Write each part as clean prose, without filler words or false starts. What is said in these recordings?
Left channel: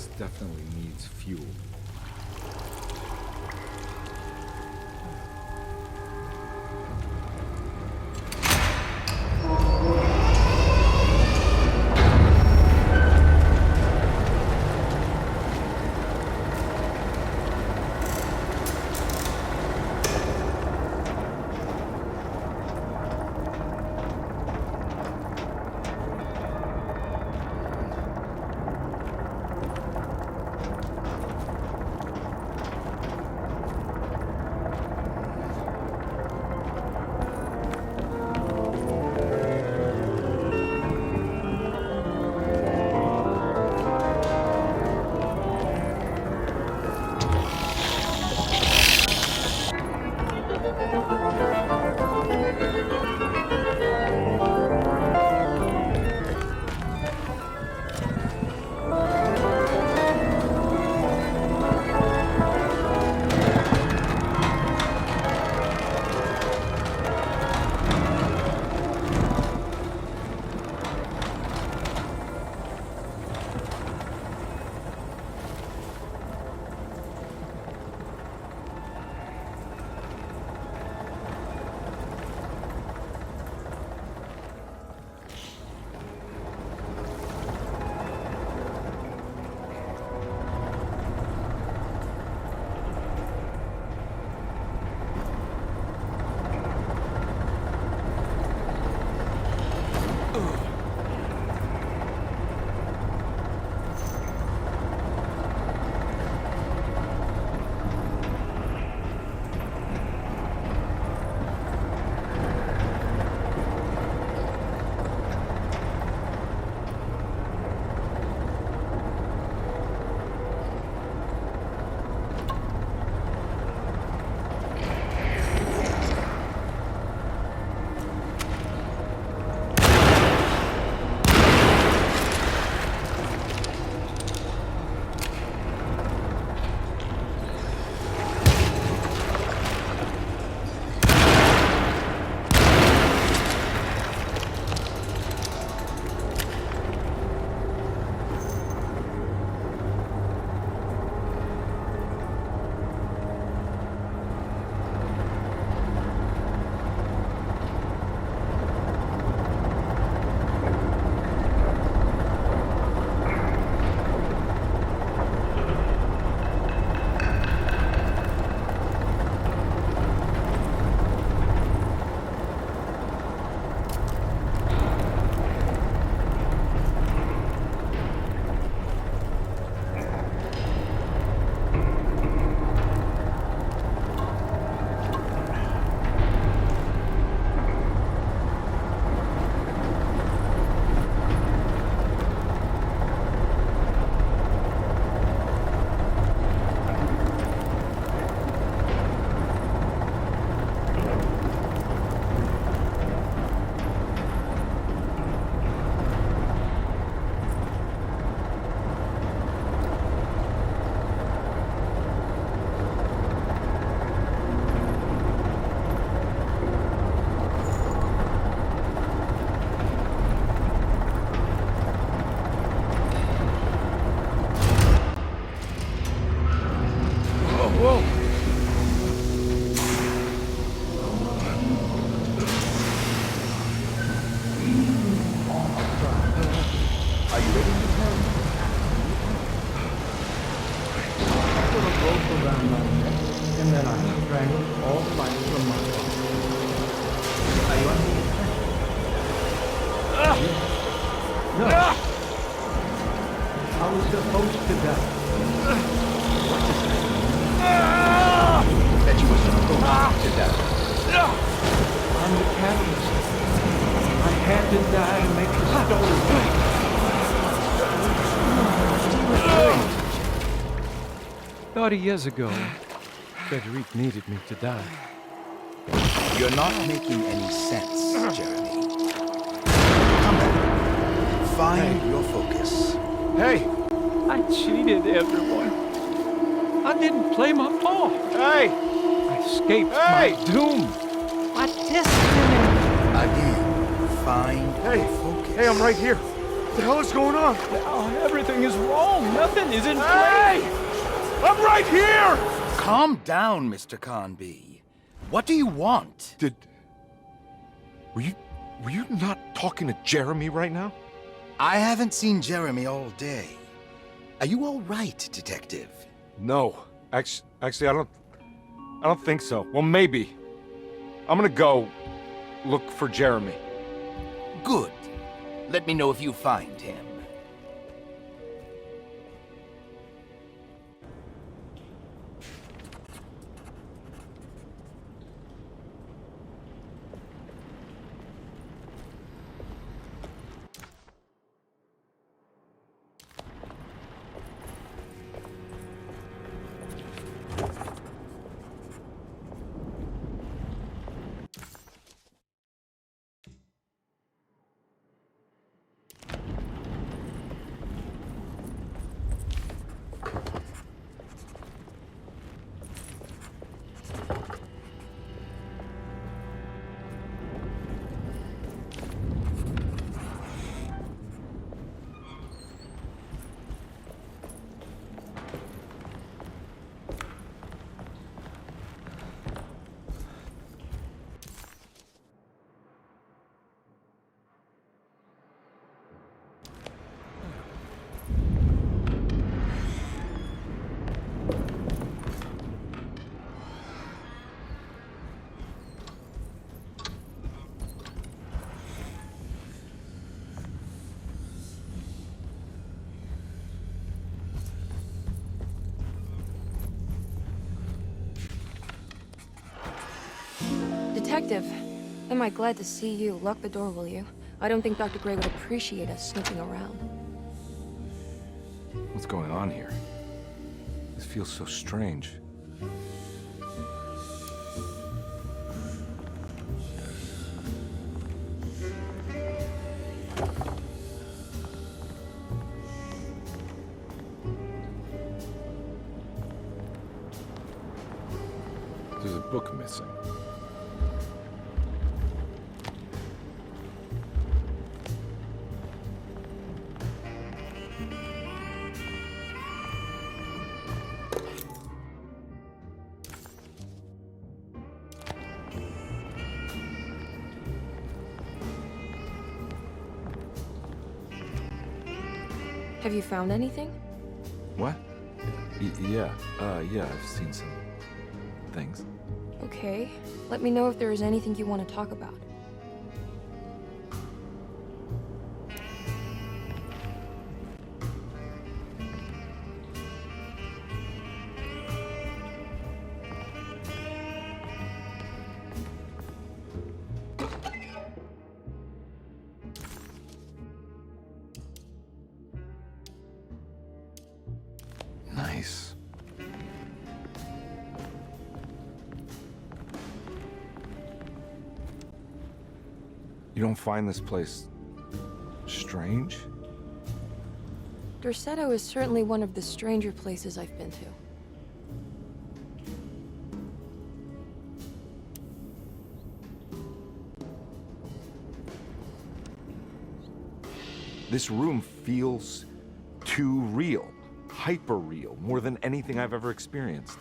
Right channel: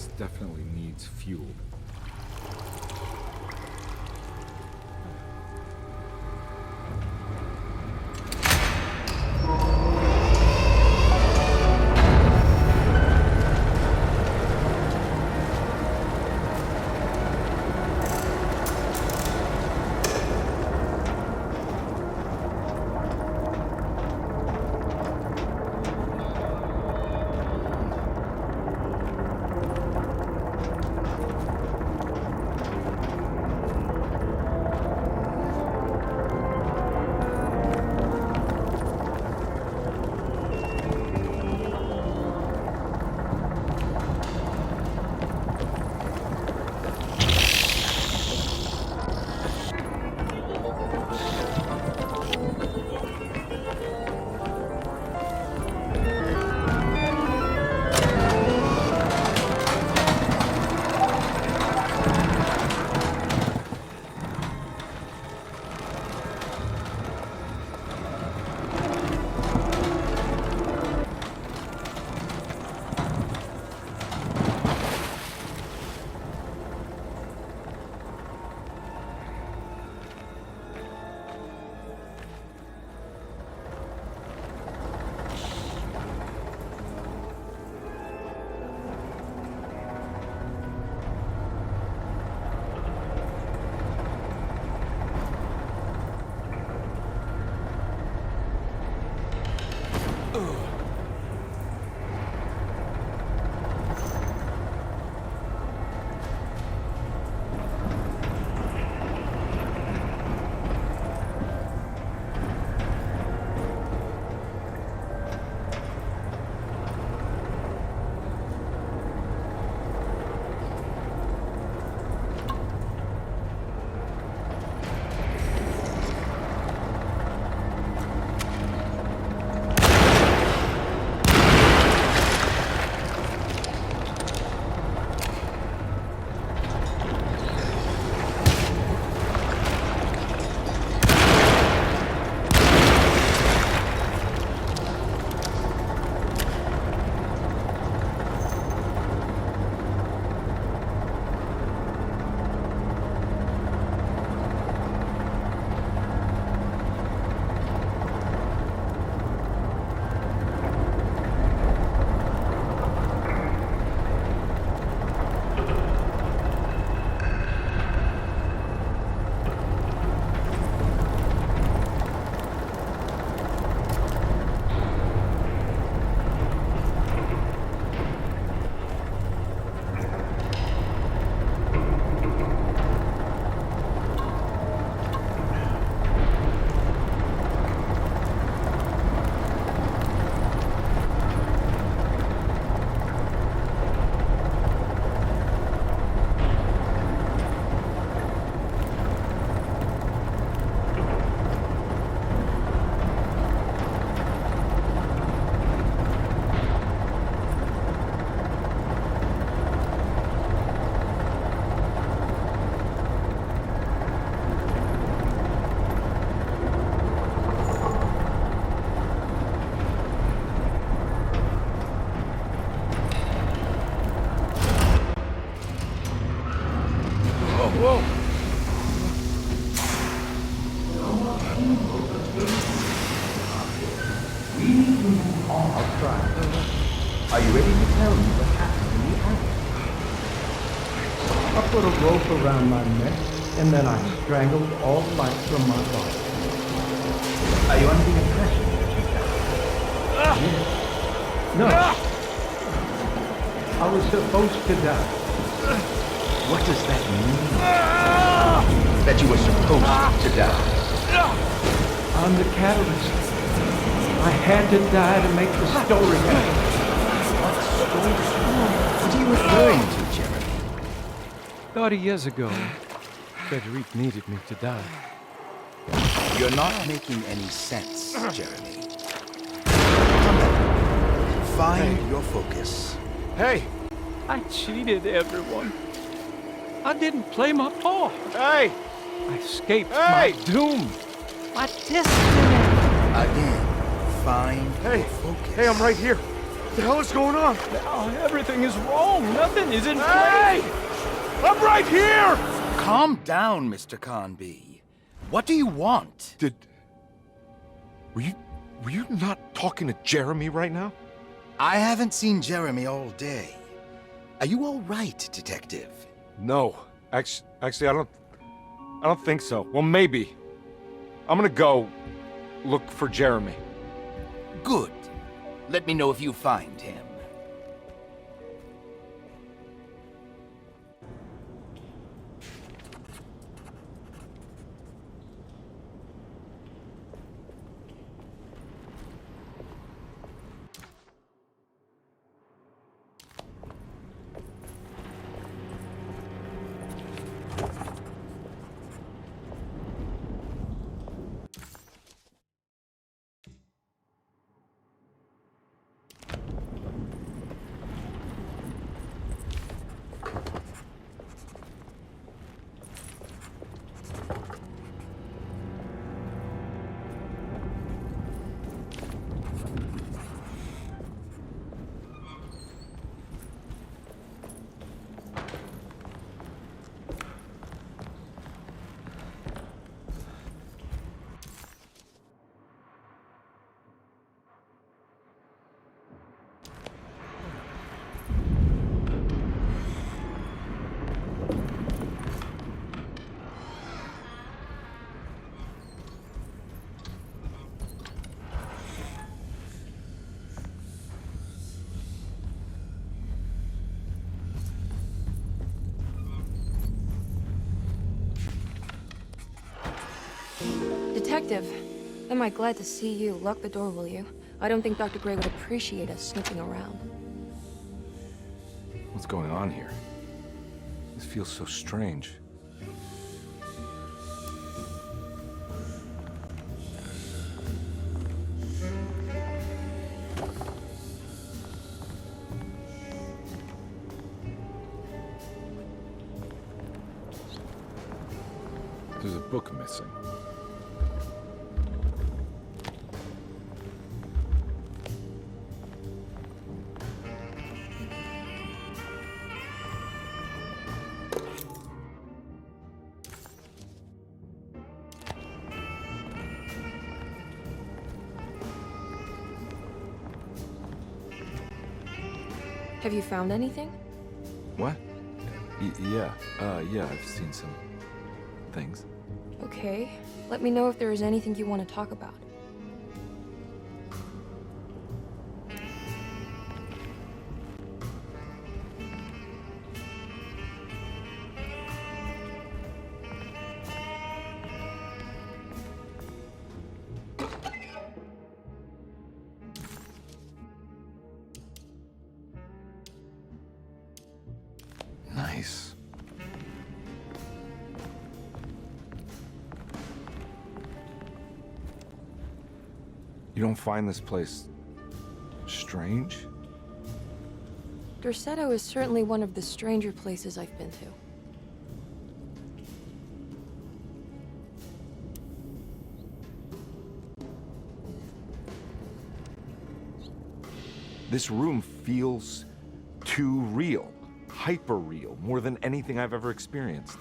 This definitely needs fuel. Are you ready to tell me what happened in the attic? I put a rope around my neck, and then I strangled all life from my body. Are you under the impression that you died? Yes. No. I was supposed to die. What does that mean? That you were supposed to die? I'm the catalyst. I had to die to make the story go. What are you referring to, Jeremy? 30 years ago, Frederic needed me to die. You're not making any sense, Jeremy. Come back. Find your focus. Hey! I cheated everyone. I didn't play my part. Hey! I escaped my doom. My destiny. Again, find your focus. Hey, I'm right here. the hell is going on? Everything is wrong. Nothing is in Hey! place. I'm right here! Calm down, Mr. Karnbi. What do you want? Were you not talking to Jeremy right now? I haven't seen Jeremy all day. Are you all right, Detective? No. Actually, I don't think so. Well, maybe. I'm gonna go look for Jeremy. Good. Let me know if you find him. Detective, am I glad to see you. Lock the door, will you? I don't think Dr. Gray would appreciate us snooping around. What's going on here? This feels so strange. There's a book missing. Have you found anything? What? Yeah, I've seen some things. Okay. Let me know if there is anything you want to talk about. Nice. You don't find this place strange? Dorsetto is certainly one of the stranger places I've been to. This room feels too real. Hyper real. More than anything I've ever experienced.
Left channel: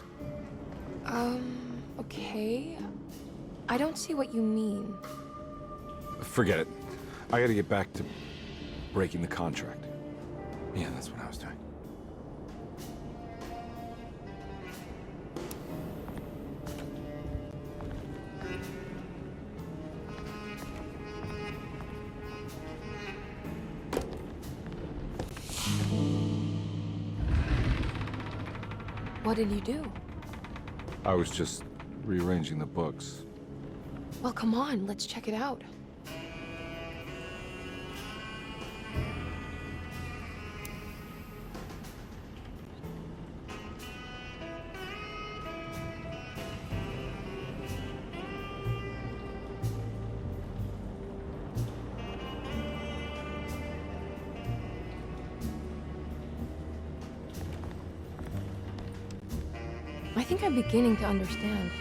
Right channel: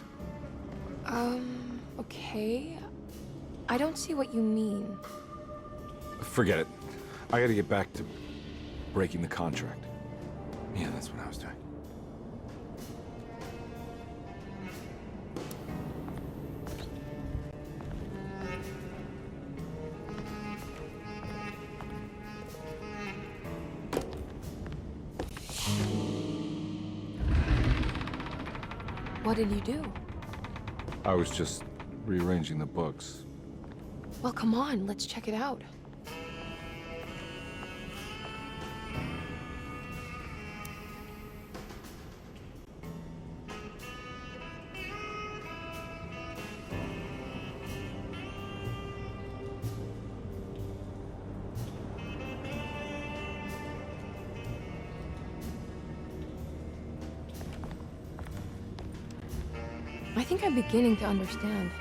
Okay. I don't see what you mean. Forget it. I gotta get back to breaking the contract. Yeah, that's what I was doing. What did you do? I was just rearranging the books. Well, come on, let's check it out. I think I'm beginning to understand.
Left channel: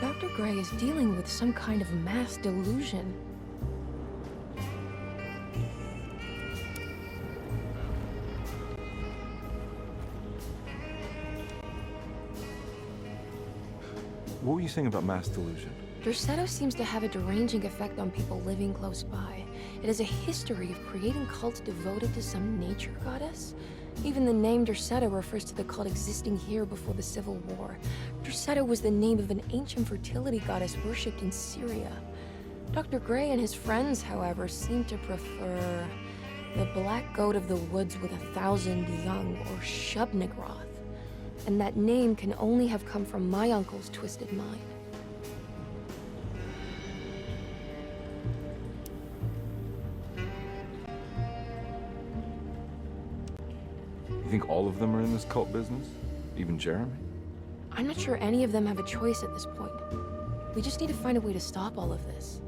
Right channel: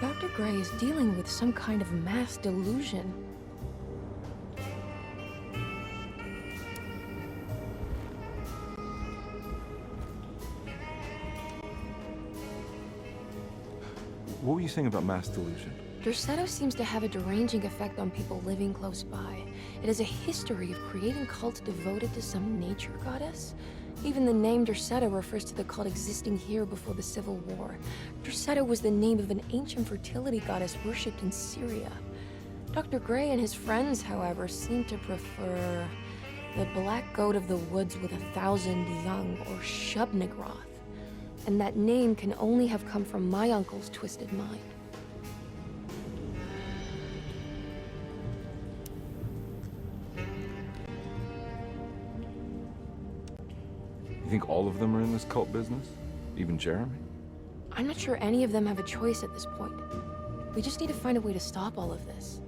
Dr. Gray is dealing with some kind of mass delusion. What were you saying about mass delusion? Derceto seems to have a deranging effect on people living close by. It has a history of creating cults devoted to some nature goddess. Even the name Derceto refers to the cult existing here before the Civil War. Derceto was the name of an ancient fertility goddess worshipped in Syria. Dr. Gray and his friends, however, seem to prefer the black goat of the woods with 1,000 young, or Shub-Nigroth. And that name can only have come from my uncle's twisted mind. You think all of them are in this cult business? Even Jeremy? I'm not sure any of them have a choice at this point. We just need to find a way to stop all of this.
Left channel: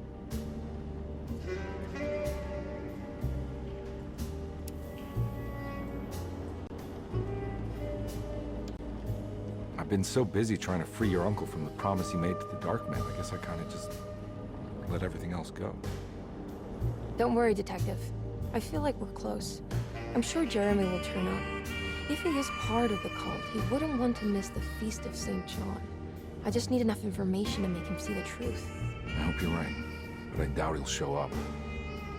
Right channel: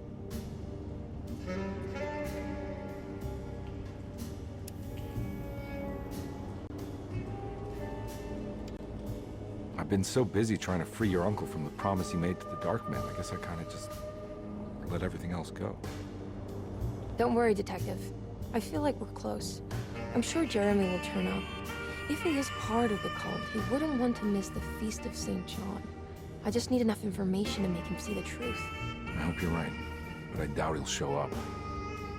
I've been so busy trying to free your uncle from the promise he made to the Dark Man. I guess I kind of just let everything else go. Don't worry, Detective. I feel like we're close. I'm sure Jeremy will turn up. If he is part of the cult, he wouldn't want to miss the Feast of St. John. I just need enough information to make him see the truth. I hope you're right, but I doubt he'll show up.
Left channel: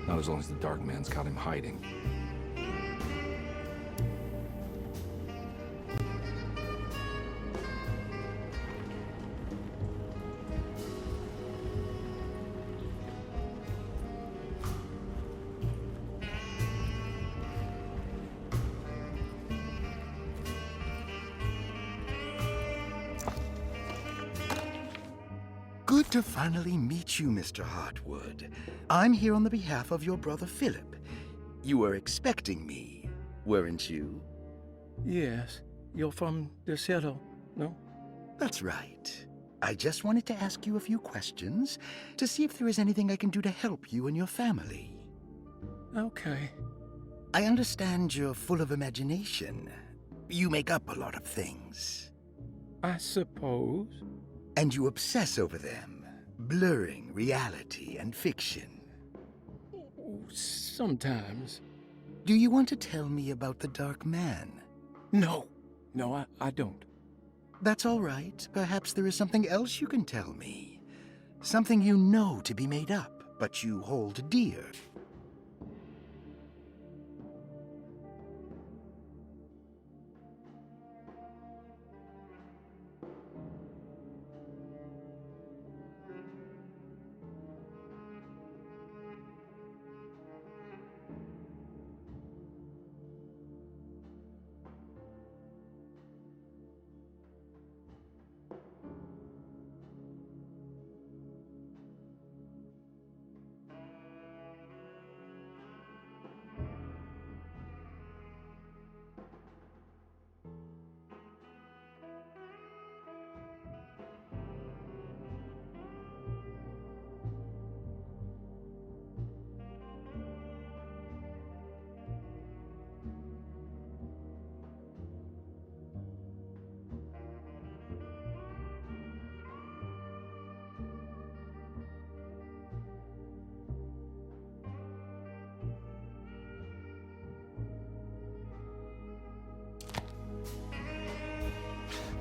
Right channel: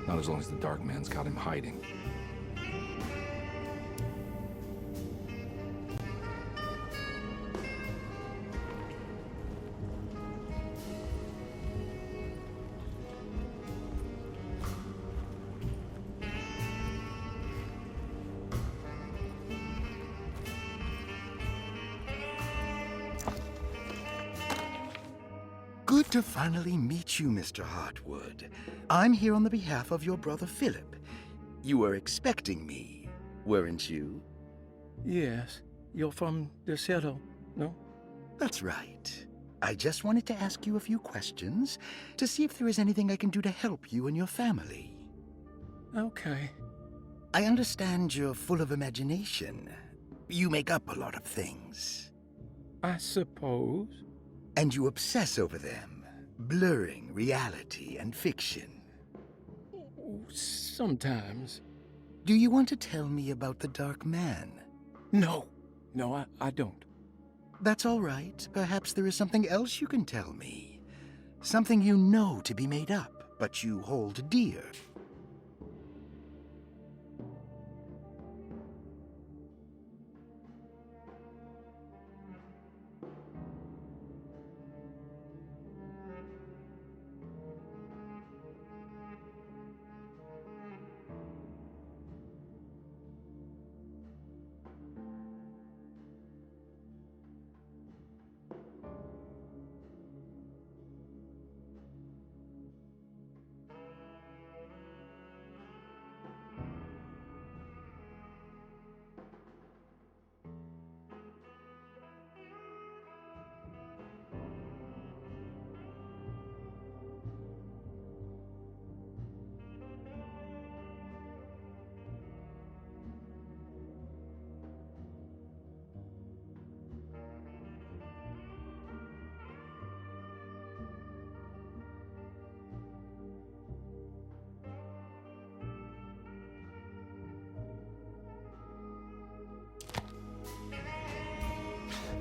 Not as long as the Dark Man's got him hiding. Good to finally meet you, Mr. Hartwood. I'm here on the behalf of your brother Philip. You were expecting me, weren't you? Yes. You're from Derceto, no? That's right. I just wanted to ask you a few questions to see if there is anything I can do to help you and your family. Okay. I understand you're full of imagination. You make up a lot of things. I suppose. And you obsess over them, blurring reality and fiction. Sometimes. Do you want to tell me about the Dark Man? No. No, I don't. That's all right. Perhaps there is something else you can tell me. Something you know to be made up, but you hold dear.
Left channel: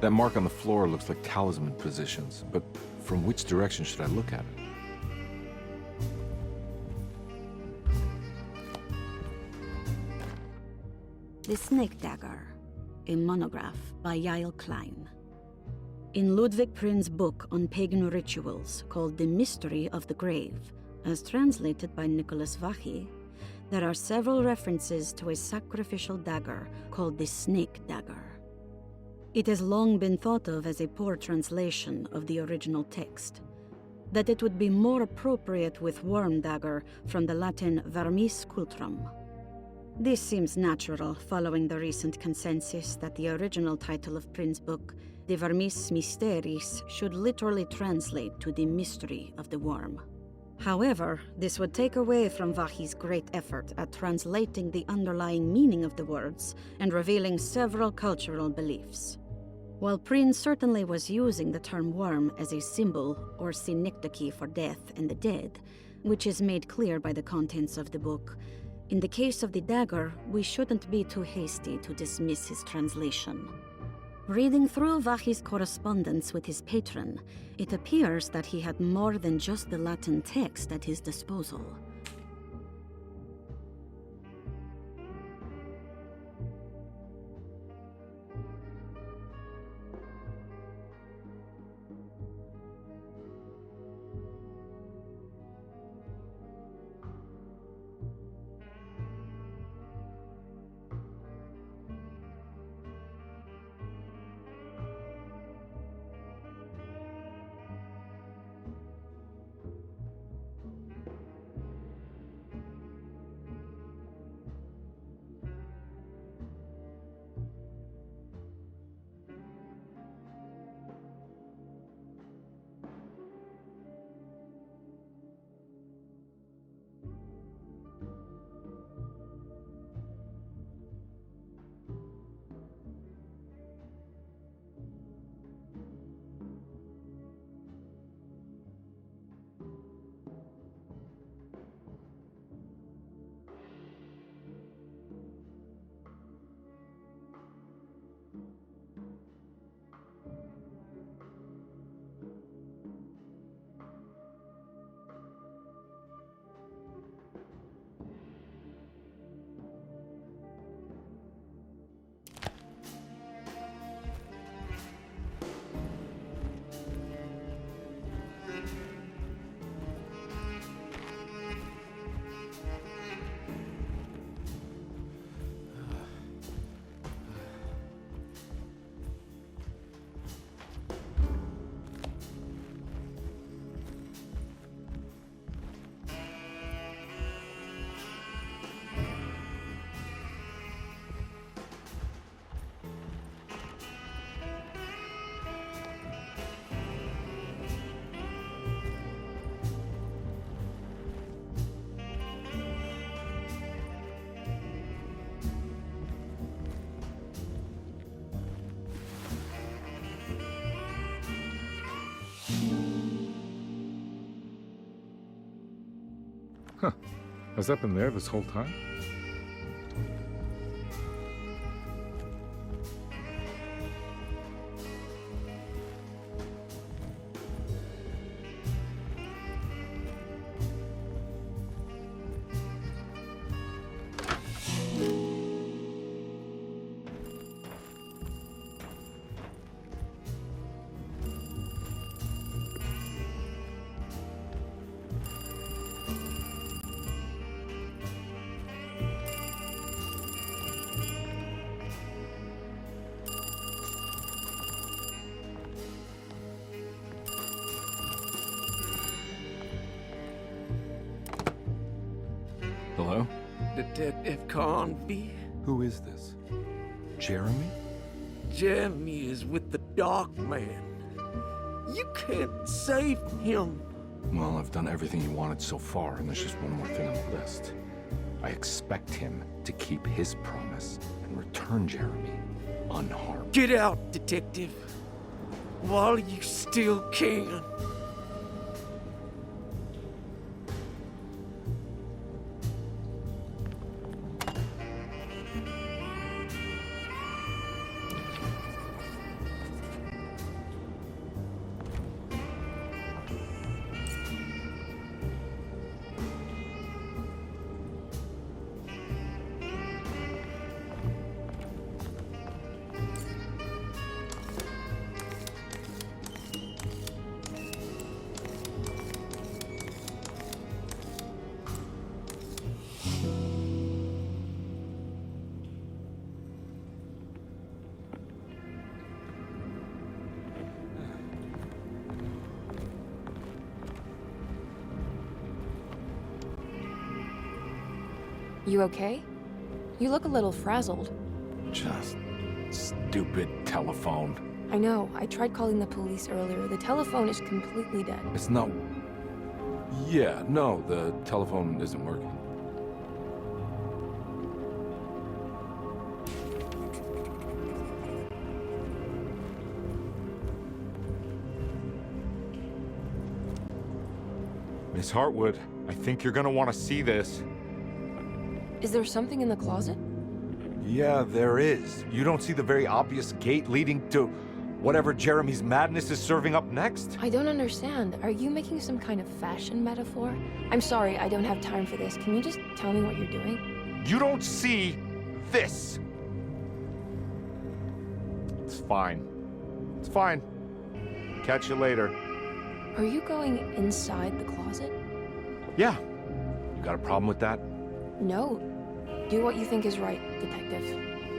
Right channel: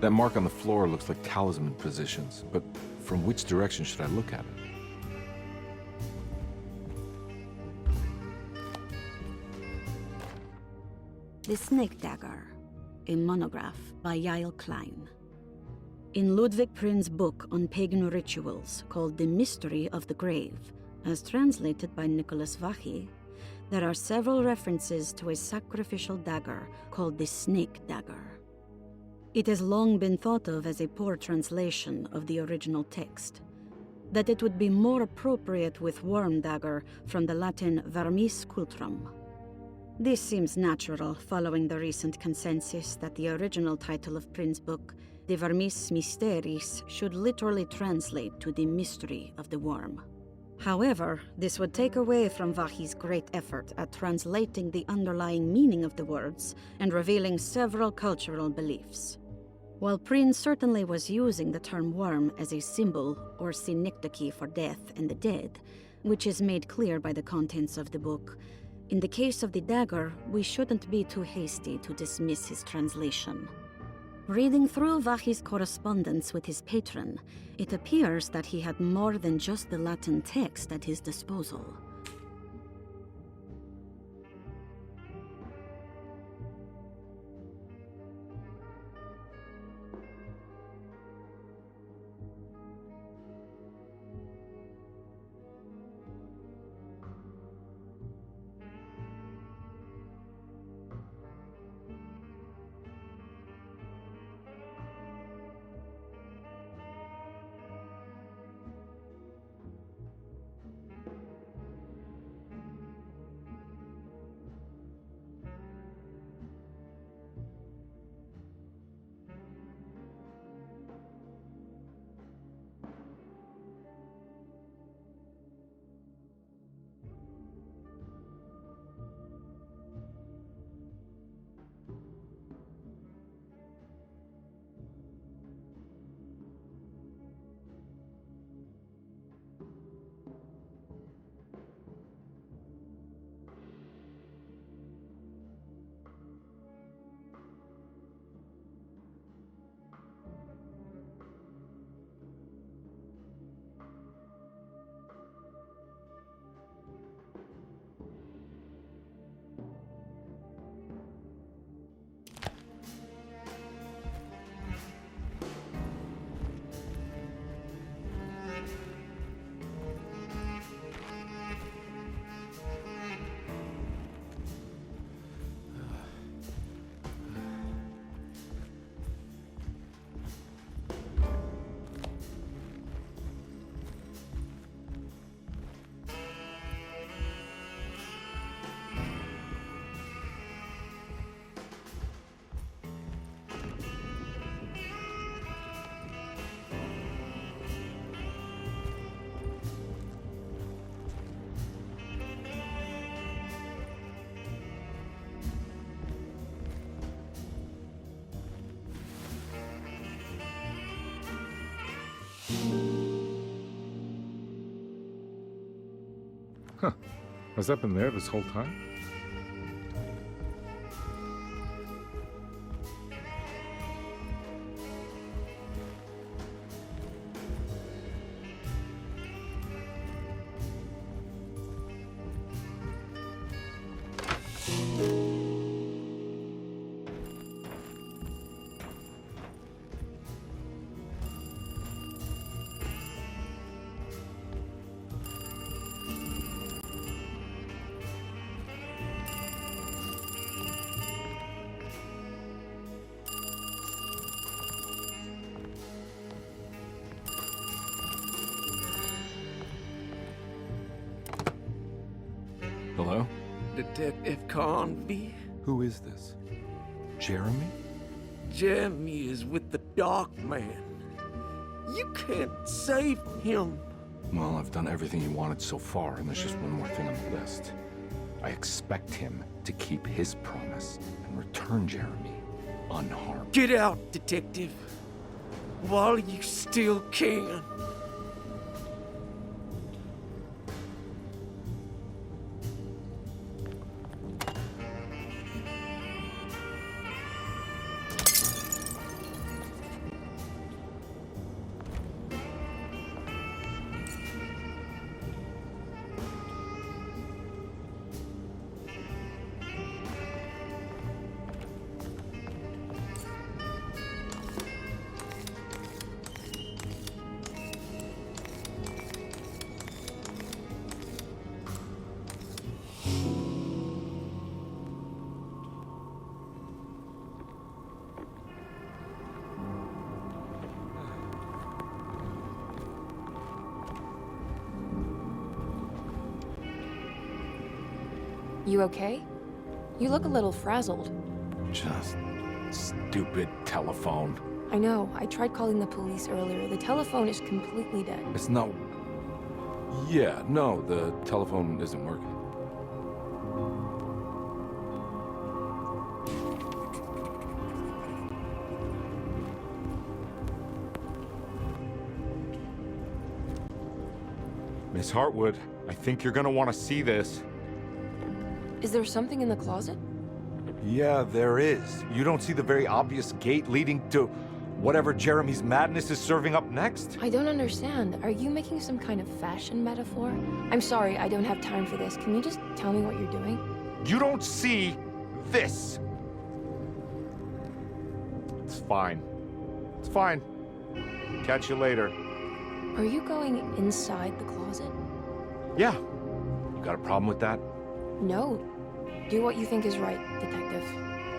That mark on the floor looks like talisman positions, but from which direction should I look at it? The Snake Dagger, a monograph by Yael Klein. In Ludwig Prin's book on pagan rituals called The Mystery of the Grave, as translated by Nicholas Vachy, there are several references to a sacrificial dagger called the Snake Dagger. It has long been thought of as a poor translation of the original text, that it would be more appropriate with worm dagger from the Latin vermis cultrum. This seems natural following the recent consensus that the original title of Prin's book, De Vermis Mysteris, should literally translate to the mystery of the worm. However, this would take away from Vachy's great effort at translating the underlying meaning of the words and revealing several cultural beliefs. While Prin certainly was using the term worm as a symbol or synecdoche for death and the dead, which is made clear by the contents of the book, in the case of the dagger, we shouldn't be too hasty to dismiss his translation. Reading through Vahi's correspondence with his patron, it appears that he had more than just the Latin text at his disposal. Huh. Has that been there this whole time? Hello? Detective Karnbi? Who is this? Jeremy? Jeremy is with the Dark Man. You can't save him. Well, I've done everything you wanted so far, and there's just one more thing on the list. I expect him to keep his promise and return Jeremy unharmed. Get out, Detective. While you still can. You okay? You look a little frazzled. Just stupid telephone. I know. I tried calling the police earlier. The telephone is completely dead. It's not... Yeah, no, the telephone isn't working. Miss Hartwood, I think you're gonna want to see this. Is there something in the closet? Yeah, there is. You don't see the very obvious gate leading to whatever Jeremy's madness is serving up next? I don't understand. Are you making some kind of fashion metaphor? I'm sorry, I don't have time for this. Can you just tell me what you're doing? You don't see this. It's fine. It's fine. Catch you later. Are you going inside the closet? Yeah. You got a problem with that? No. Do what you think is right, Detective.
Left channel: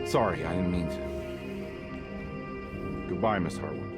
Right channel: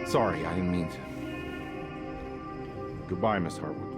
Sorry, I didn't mean to. Goodbye, Miss Hartwood.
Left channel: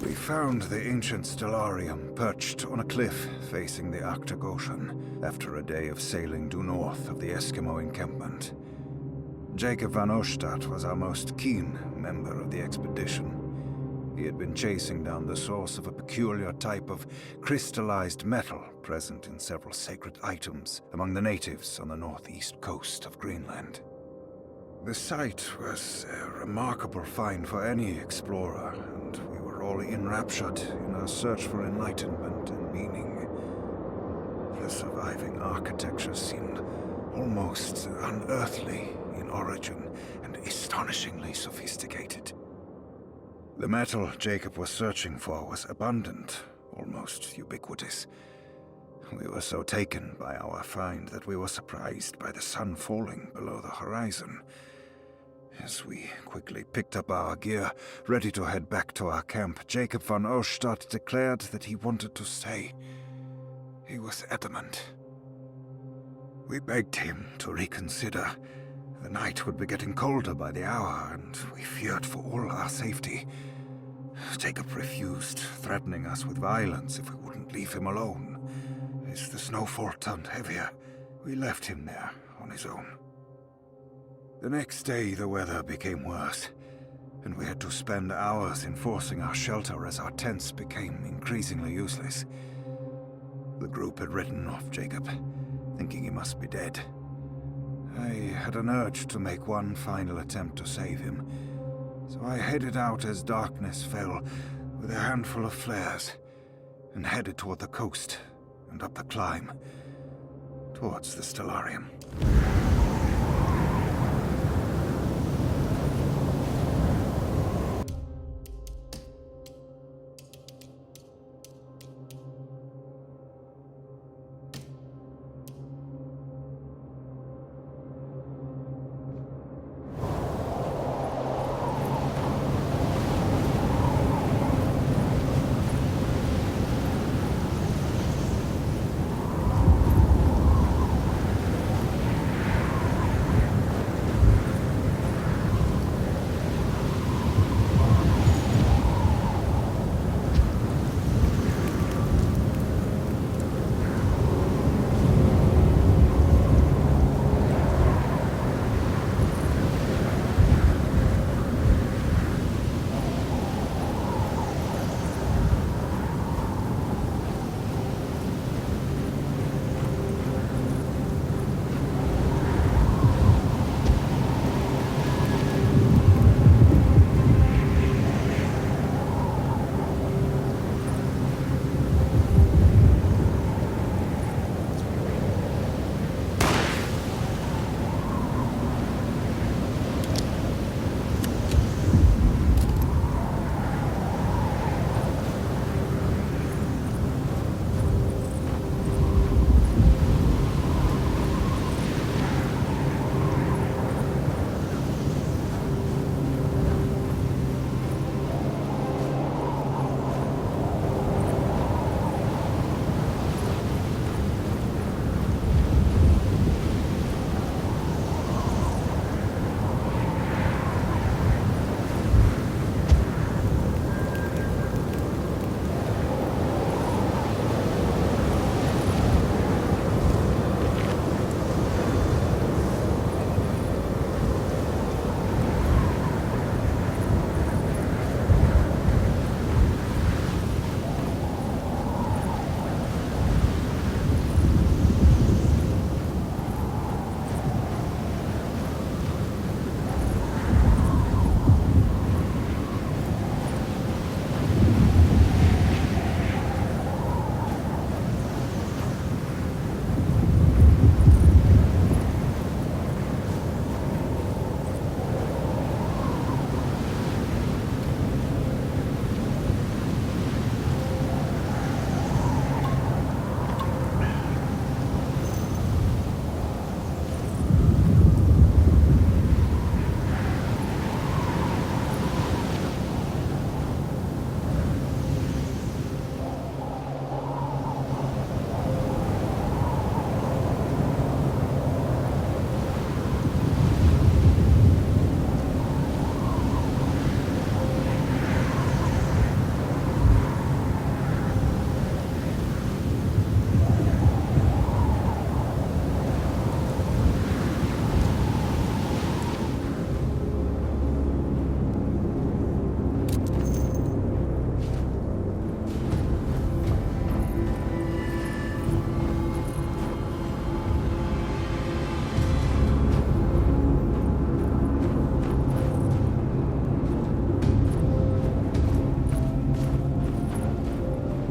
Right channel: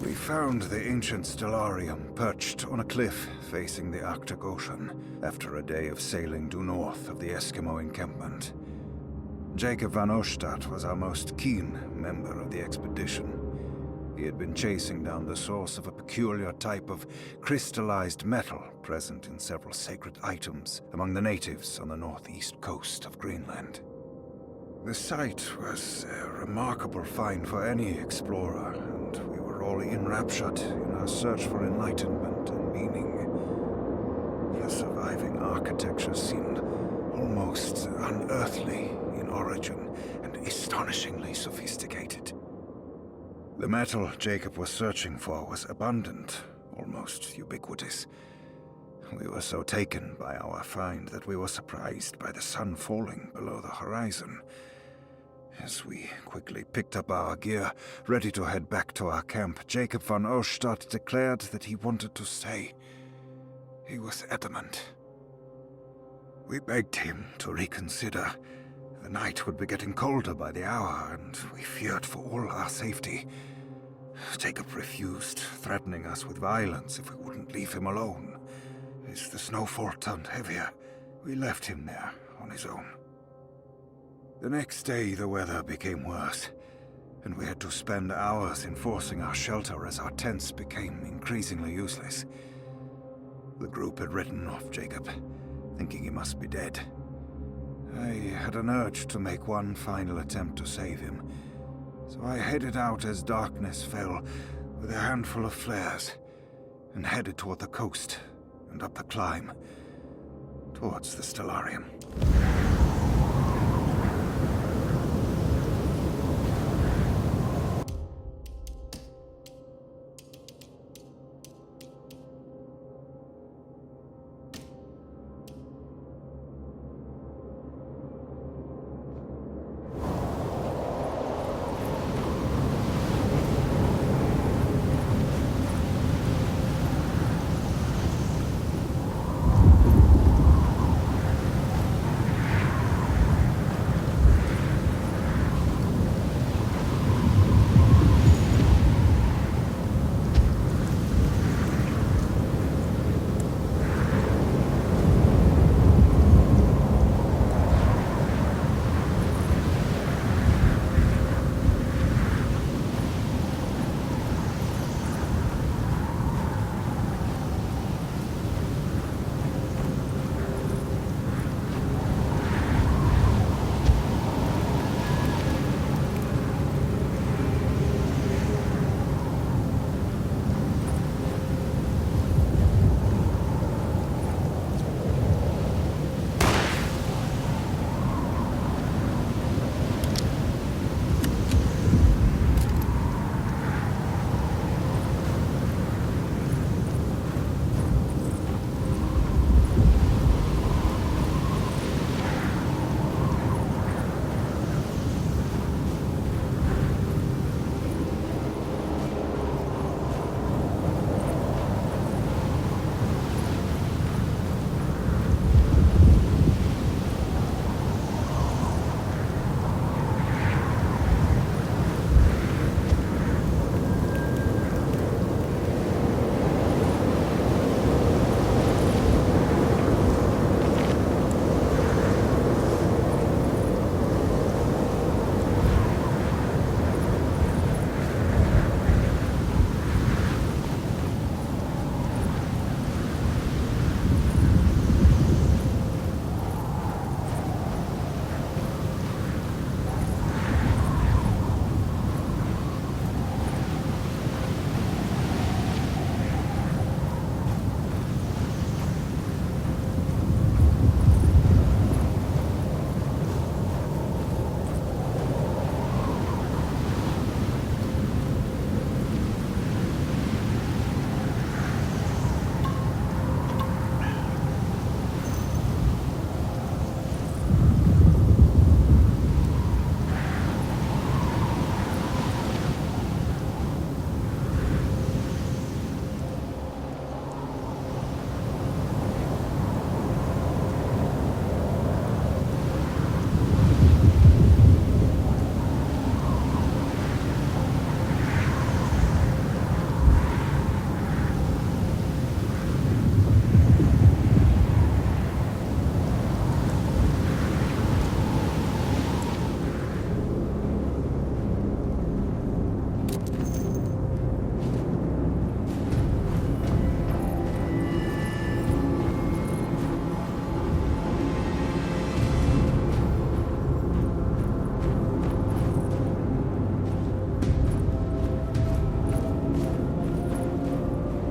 We found the ancient stellarium perched on a cliff facing the Arctic Ocean after a day of sailing due north of the Eskimo encampment. Jacob van Oostad was our most keen member of the expedition. He had been chasing down the source of a peculiar type of crystallized metal present in several sacred items among the natives on the northeast coast of Greenland. The site was a remarkable find for any explorer, and we were all enraptured in our search for enlightenment and meaning. The surviving architecture seemed almost unearthly in origin and astonishingly sophisticated. The metal Jacob was searching for was abundant, almost ubiquitous. We were so taken by our find that we were surprised by the sun falling below the horizon. As we quickly picked up our gear, ready to head back to our camp, Jacob van Oostad declared that he wanted to stay. He was adamant. We begged him to reconsider. The night would be getting colder by the hour, and we feared for all our safety. Jacob refused, threatening us with violence if we wouldn't leave him alone. As the snowfall turned heavier, we left him there on his own. The next day, the weather became worse. and we had to spend hours enforcing our shelter as our tents became increasingly useless. The group had written off Jacob, thinking he must be dead. I had an urge to make one final attempt to save him, so I headed out as darkness fell with a handful of flares, and headed toward the coast and up the climb, towards the Stellarium.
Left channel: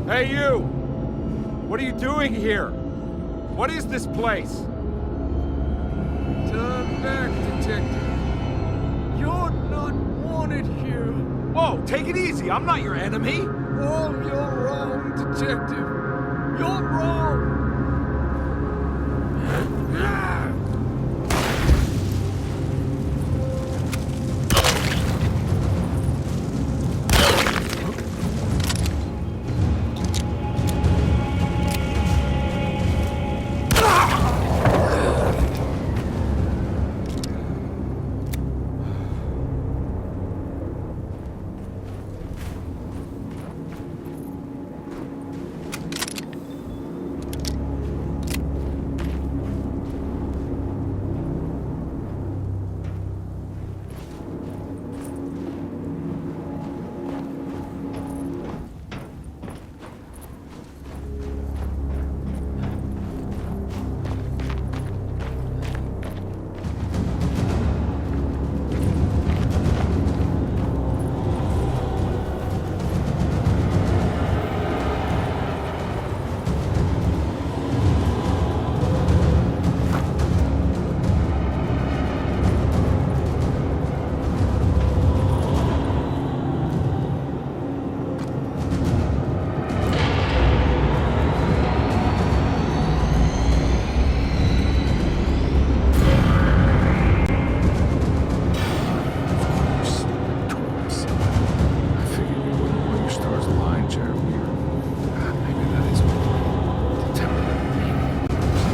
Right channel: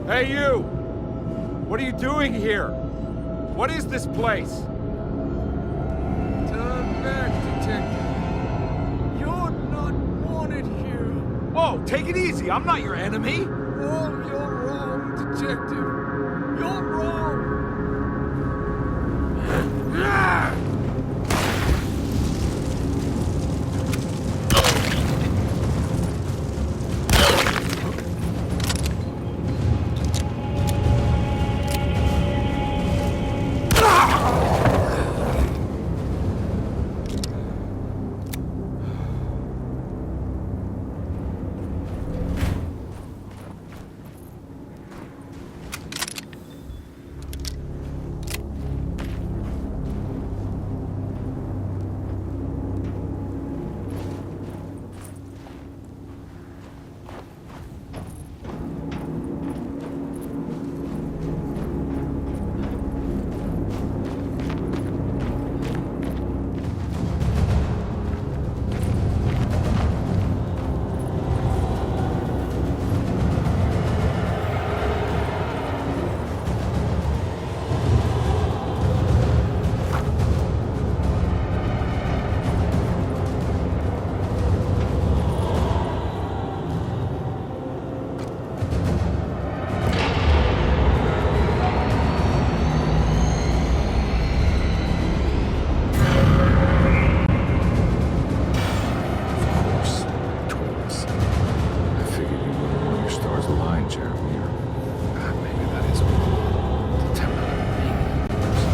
Hey, you! What are you doing here? What is this place? Turn back, Detective. You're not wanted here. Whoa, take it easy. I'm not your enemy. Oh, you're wrong, Detective. You're wrong. Jeremy, or maybe that is what the temperament mania person.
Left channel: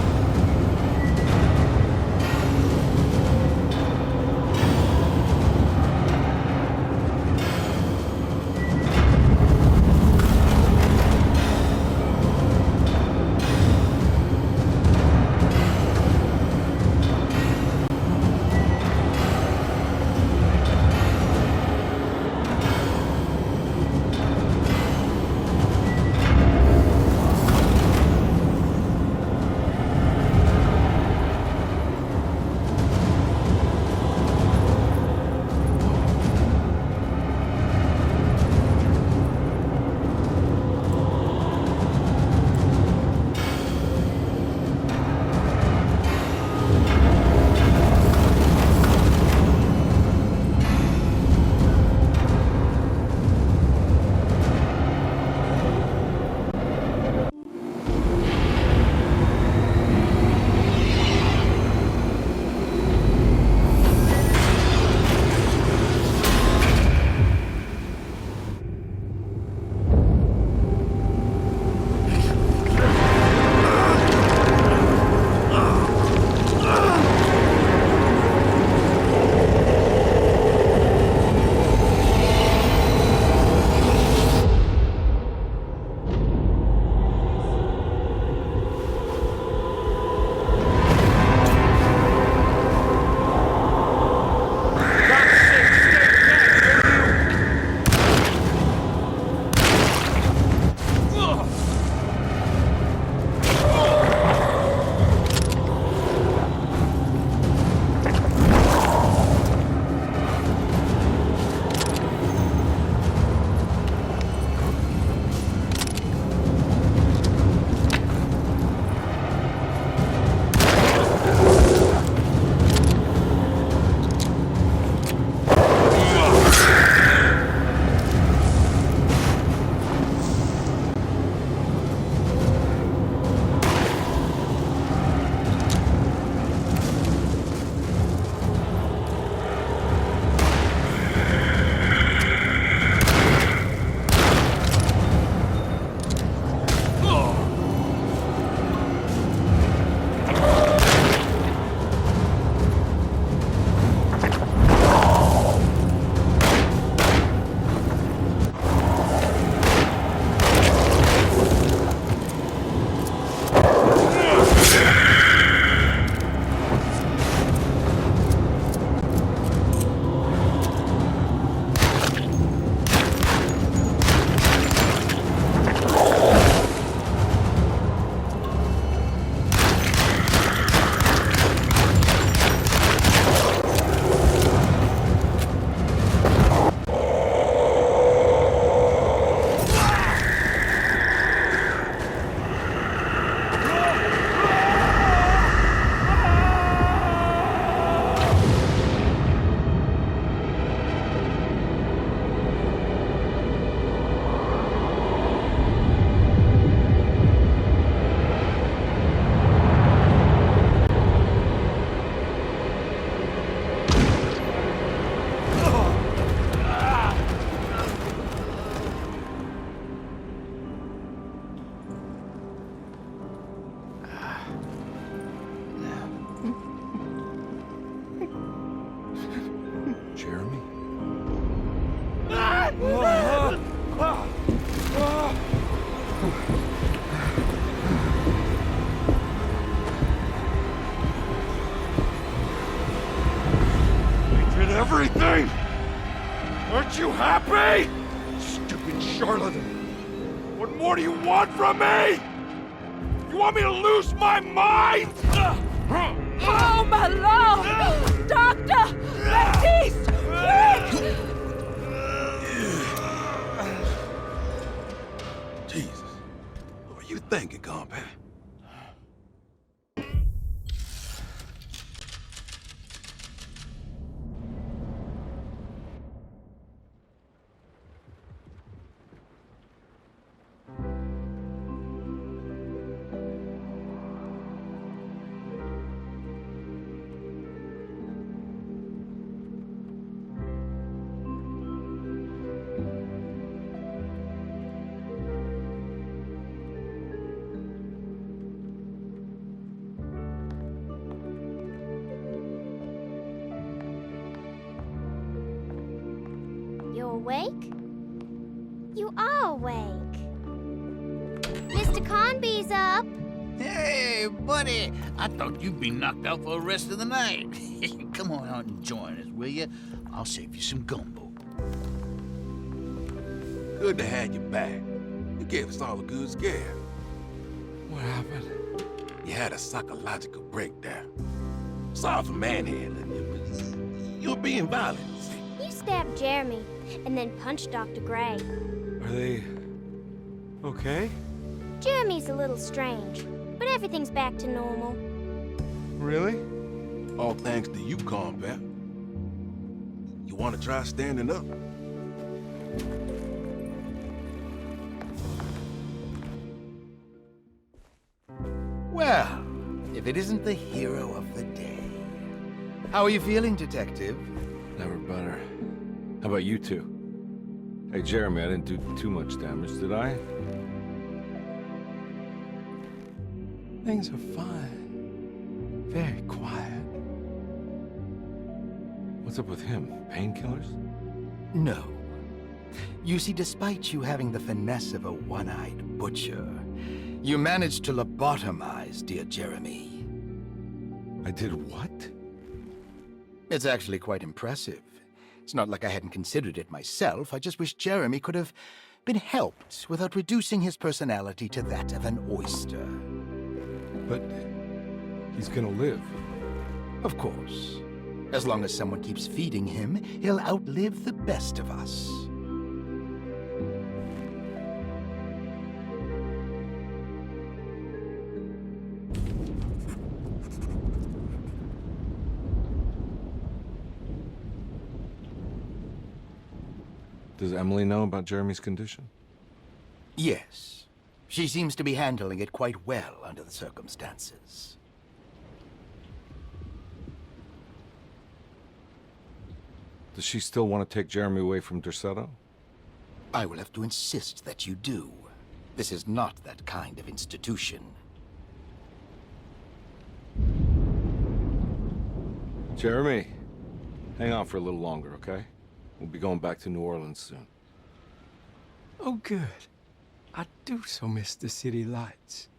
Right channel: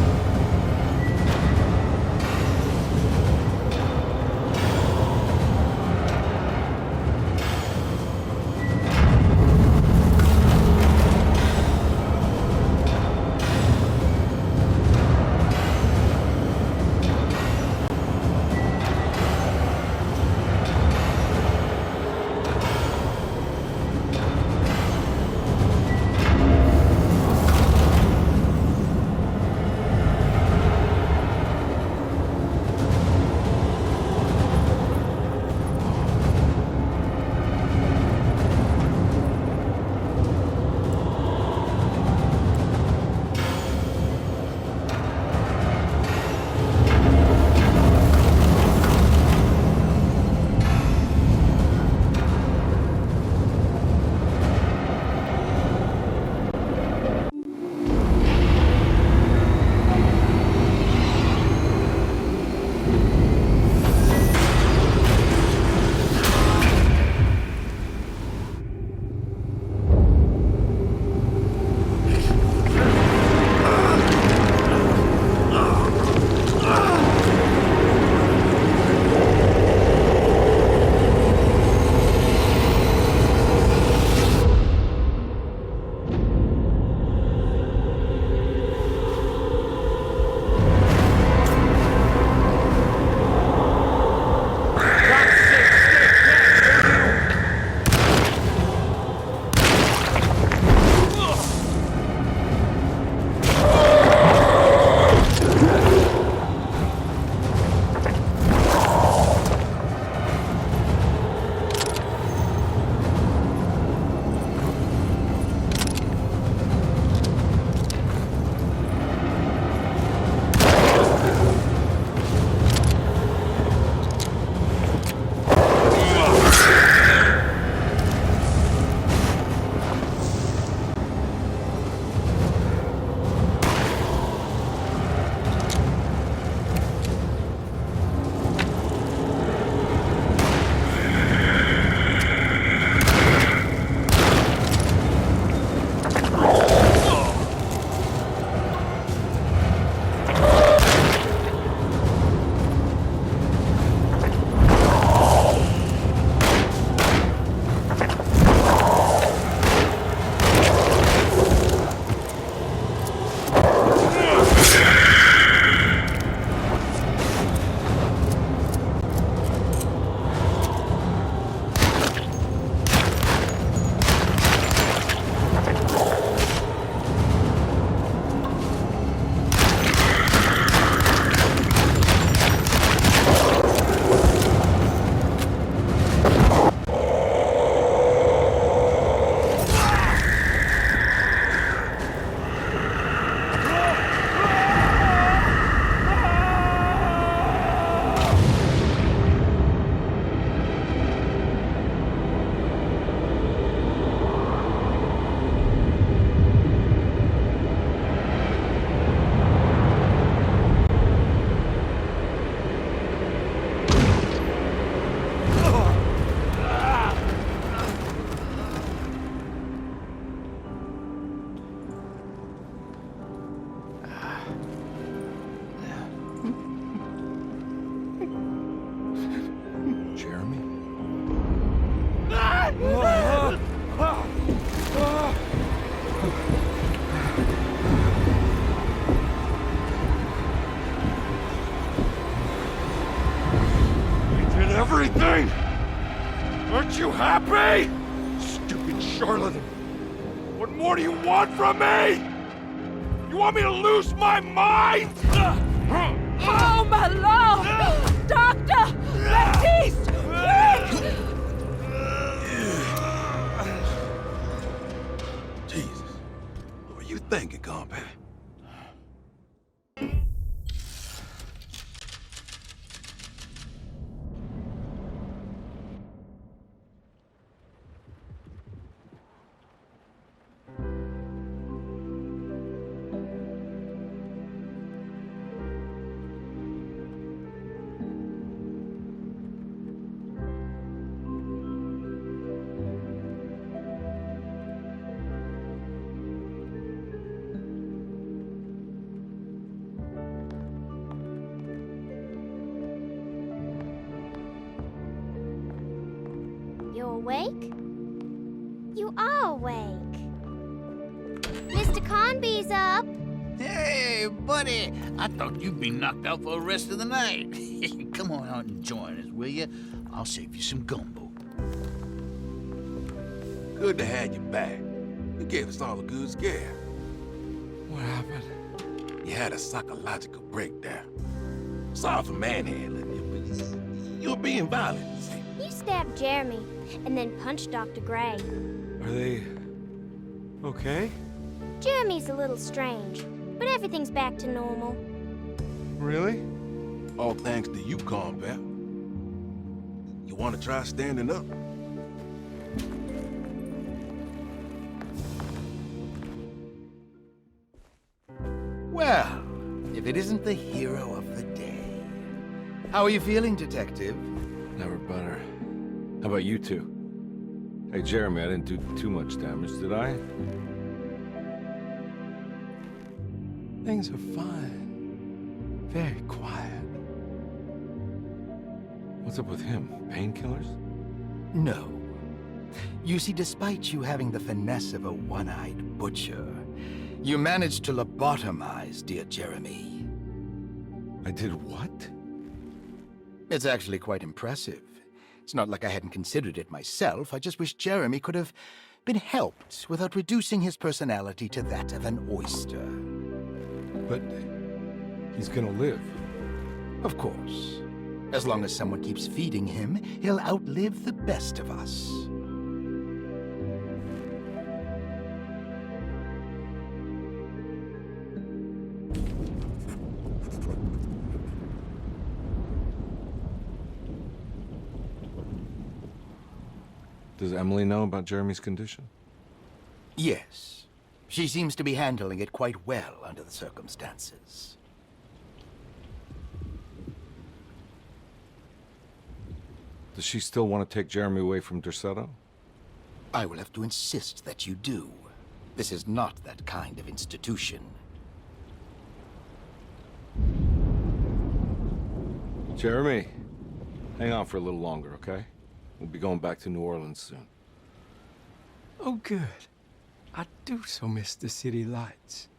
Jeremy? I did everything! Aren't you happy? Stupid charlatan! What more do you want from me? You want me to lose my mind? Oh, my lord! Doctor! Baptiste! Quick! Jesus. What were you thinking, compadre? awake? You are awake. Mr. Carnby's up. Hey, buddy! I thought you'd be knocked out for the rest of the night. Come on out and join us, will you? I'll save you some gumbo. Good to have you back. You gave us all a good scare. What happened? You had a psychological breakdown. Sorry for manhandling you, but you were being violent. You stabbed Jeremy and then punched Dr. Gray. Are they okay? Jeremy's a little strange, but everything's back to normal. Really? All thanks to you, combat. You want to try standing up? Well, if it isn't the hero of the day. How are you feeling, Detective? Never better. How about you two? Hey, Jeremy, I didn't do too much damage, did I? Things are fine. Very quiet. What's up with him? Painkillers? No. You see, despite you having the finesse of a one-eyed butcher, you managed to lobotomize dear Jeremy. I did what? It's actually quite impressive. It's not like I hadn't considered it myself. I just wish Jeremy could have been helped without reducing his personality to that of an oyster. But he's gonna live. Of course. As long as someone keeps feeding him, he'll outlive the best of us. Does Emily know about Jeremy's condition? Yes. She seems to be handling it quite well under the circumstances. Does she still want to take Jeremy away from Derceto? I will have to insist that you do. This is not that kind of institution. Jeremy, hang on for a little longer, okay? We'll be going back to New Orleans soon. Oh, good. I do so miss the city lights.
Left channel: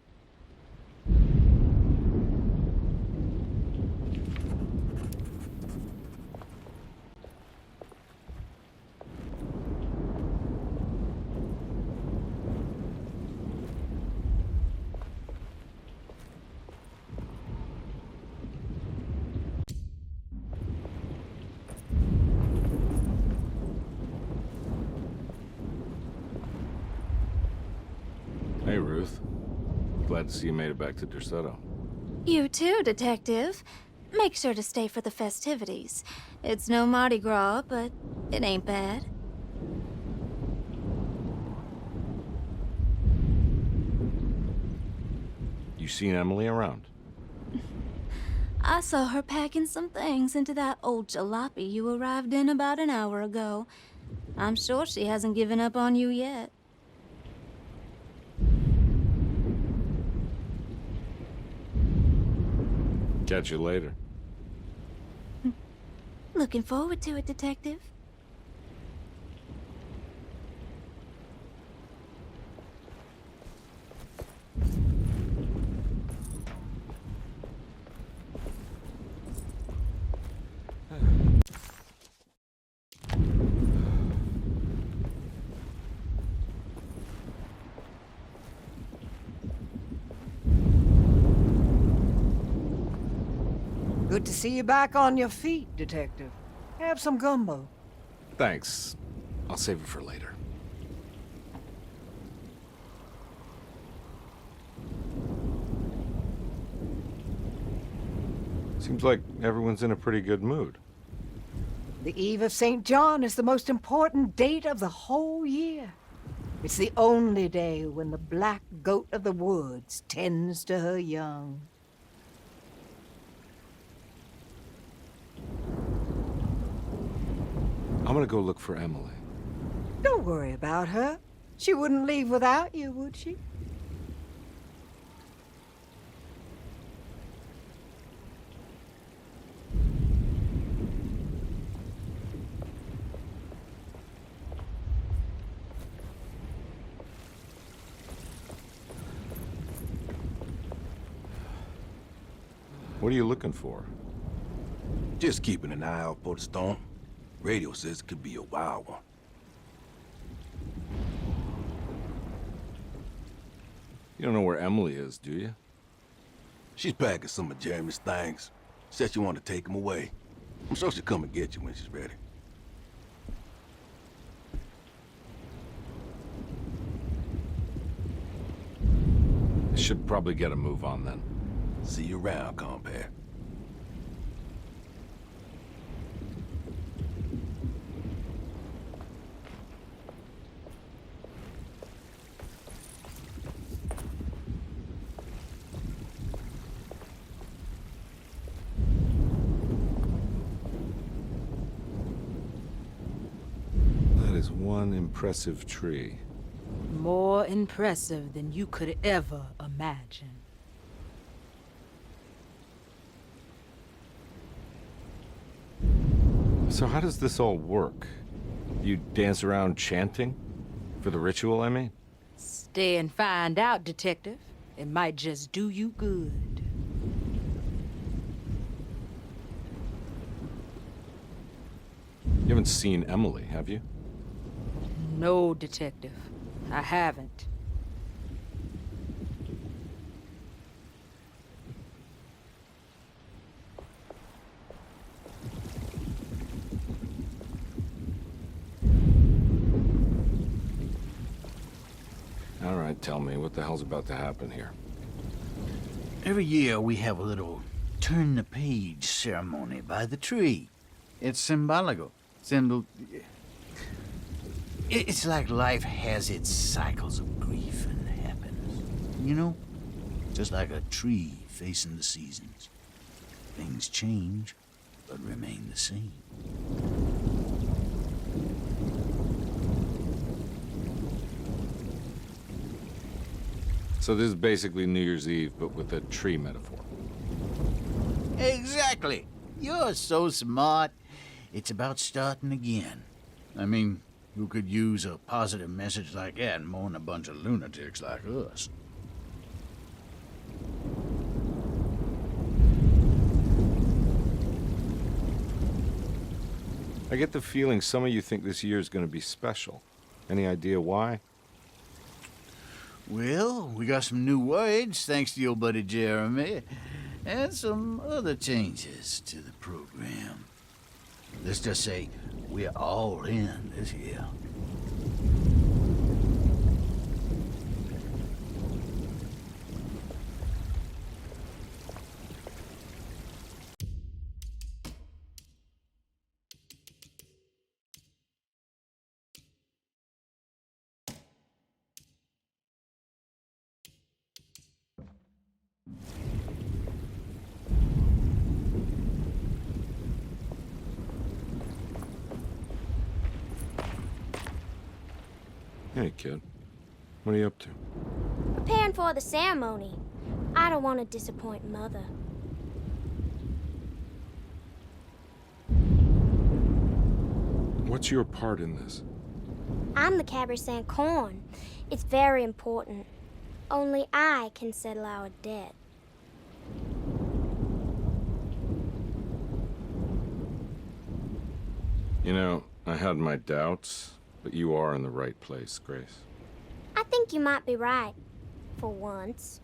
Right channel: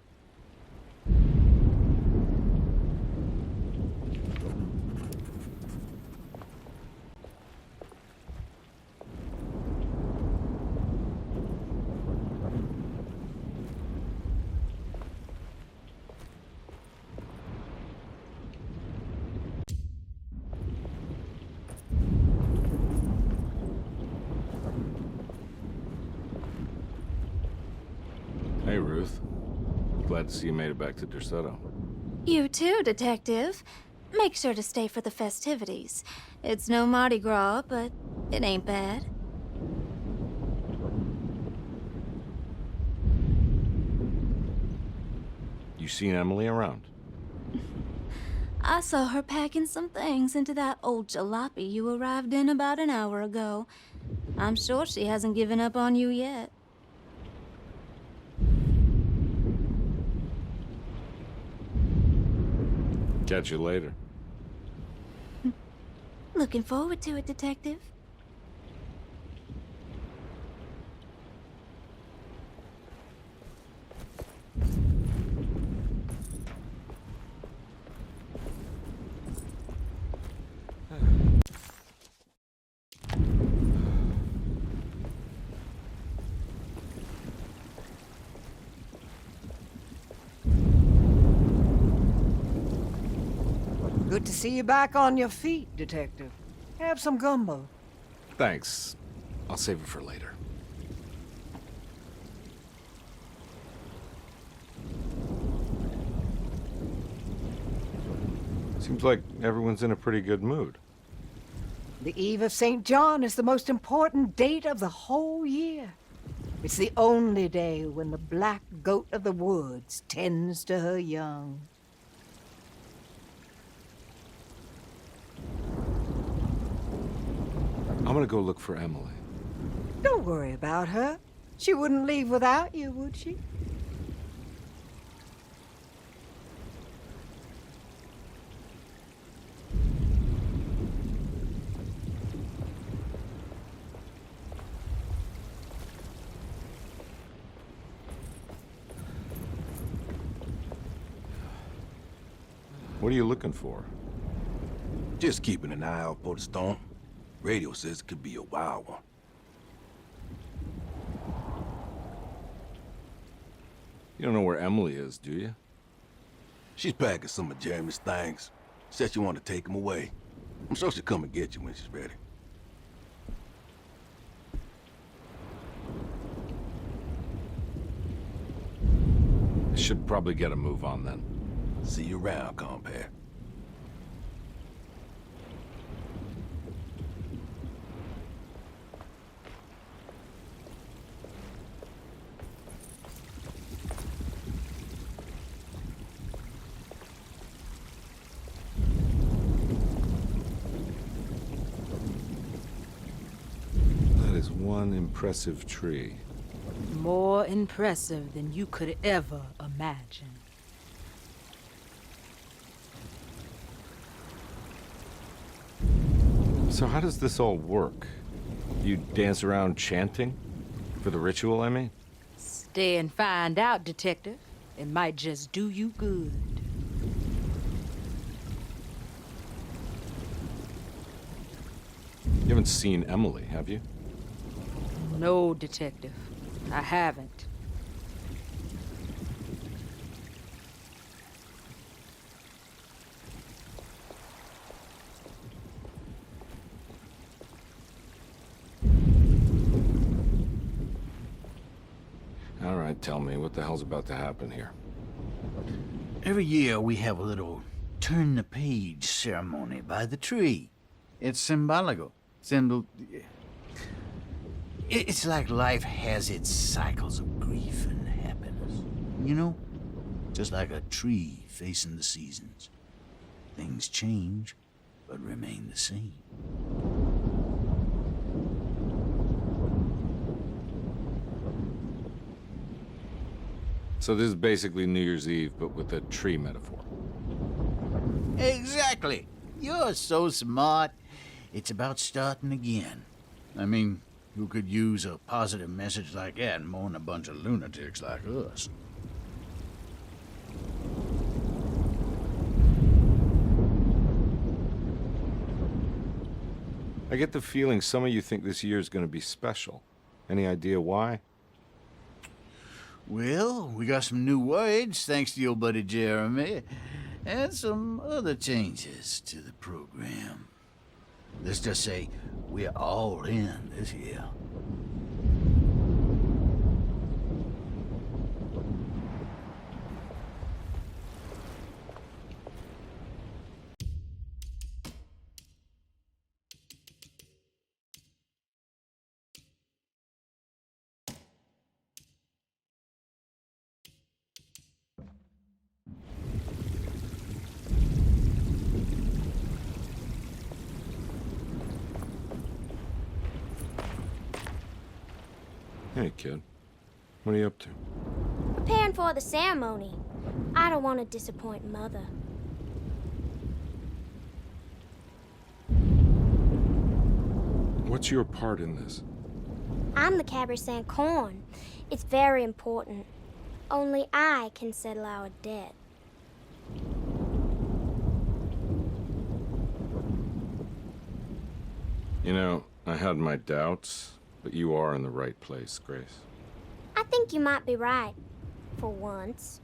Hey, Ruth. Glad to see you made it back to Derceto. You too, Detective. Make sure to stay for the festivities. It's no Mardi Gras, but it ain't bad. You seen Emily around? I saw her packing some things into that old jalopy you arrived in about an hour ago. I'm sure she hasn't given up on you yet. Catch you later. Looking forward to it, Detective. Good to see you back on your feet, Detective. Have some gumbo. Thanks. I'll save it for later. Seems like everyone's in a pretty good mood. The Eve of St. John is the most important date of the whole year. It's the only day when the black goat of the woods tends to her young. I'm gonna go look for Emily. Don't worry about her. She wouldn't leave without you, would she? What are you looking for? Just keeping an eye out for the storm. Radio says it could be a wild one. You don't know where Emily is, do you? She's packing some of Jeremy's things. Said she wanted to take them away. I'm sure she'll come and get you when she's ready. I should probably get a move on then. See you around, compare. That is one impressive tree. More impressive than you could ever imagine. So how does this all work? You dance around chanting? For the ritual, I mean? Stay and find out, Detective. It might just do you good. You haven't seen Emily, have you? No, Detective. I haven't. All right, tell me, what the hell's about to happen here? Every year we have a little turn the page ceremony by the tree. It's symbolical. It's like life has its cycles of grief and happiness. You know? Just like a tree facing the seasons. Things change, but remain the same. So this is basically New Year's Eve, but with a tree metaphor. Exactly. You're so smart. It's about starting again. I mean, who could use a positive message like that more than a bunch of lunatics like us? I get the feeling some of you think this year is going to be special. Any idea why? Well, we got some new words, thanks to your buddy Jeremy, and some other changes to the program. Let's just say we're all in this year. Hey, kid. What are you up to? Preparing for the ceremony. I don't want to disappoint Mother. What's your part in this? I'm the Cabernet Corn. It's very important. Only I can settle our debt. You know, I had my doubts, but you are in the right place, Grace. I think you might be right. For once.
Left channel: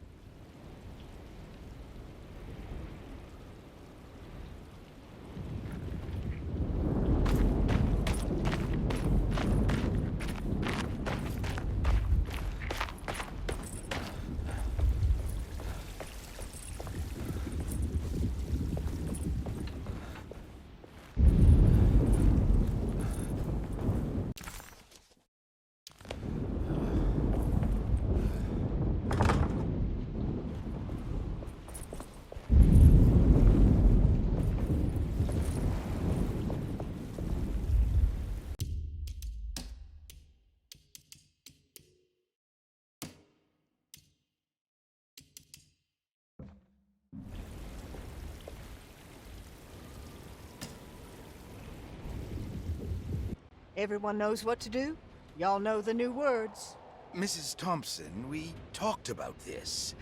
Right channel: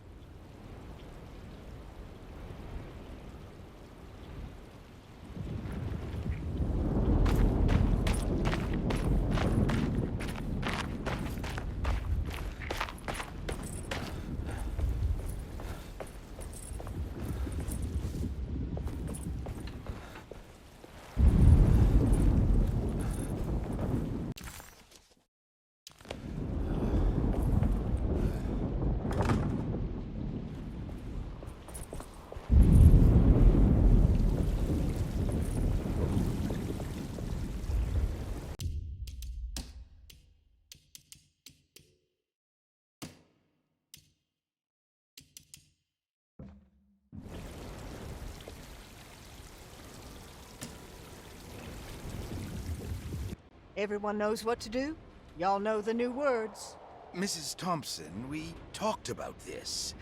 Everyone knows what to do? Y'all know the new words. Mrs. Thompson, we talked about this.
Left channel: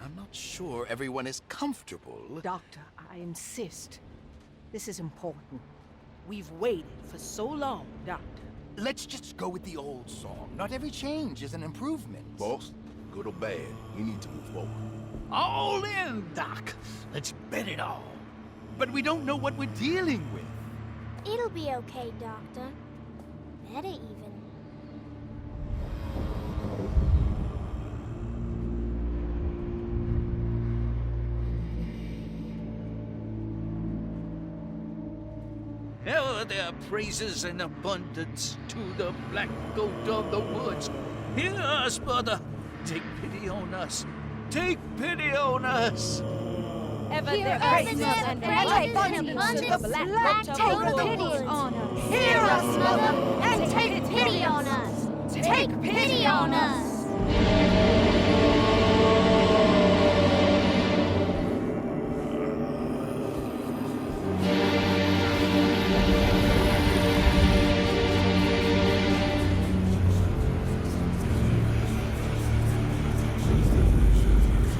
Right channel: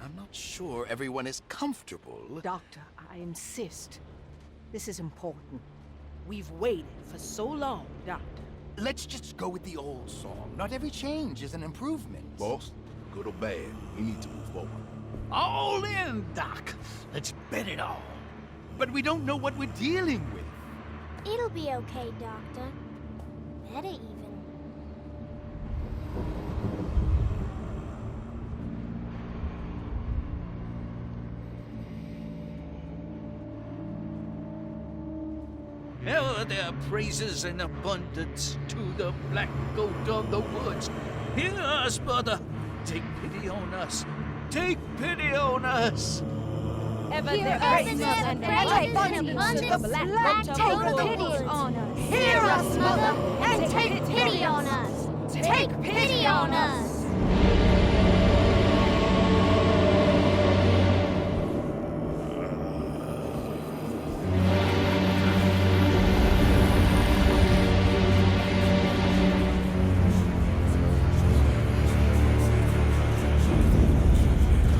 I'm not sure everyone is comfortable. Doctor, I insist. This is important. We've waited for so long, Doctor. Let's just go with the old song. Not every change is an improvement. Boss, good or bad, we need to move forward. All in, Doc. Let's bet it all. But we don't know what we're dealing with. It'll be okay, Doctor. Better even. Ever their praises and abundance to the black goat of the woods. Hear us, mother. Take pity on us. Take pity on us. Ever Hear their us, praises Mother, and praises abundance and to the black goat take of the pity woods. on us. Hear us, mother, and take pity on us. Take pity on us.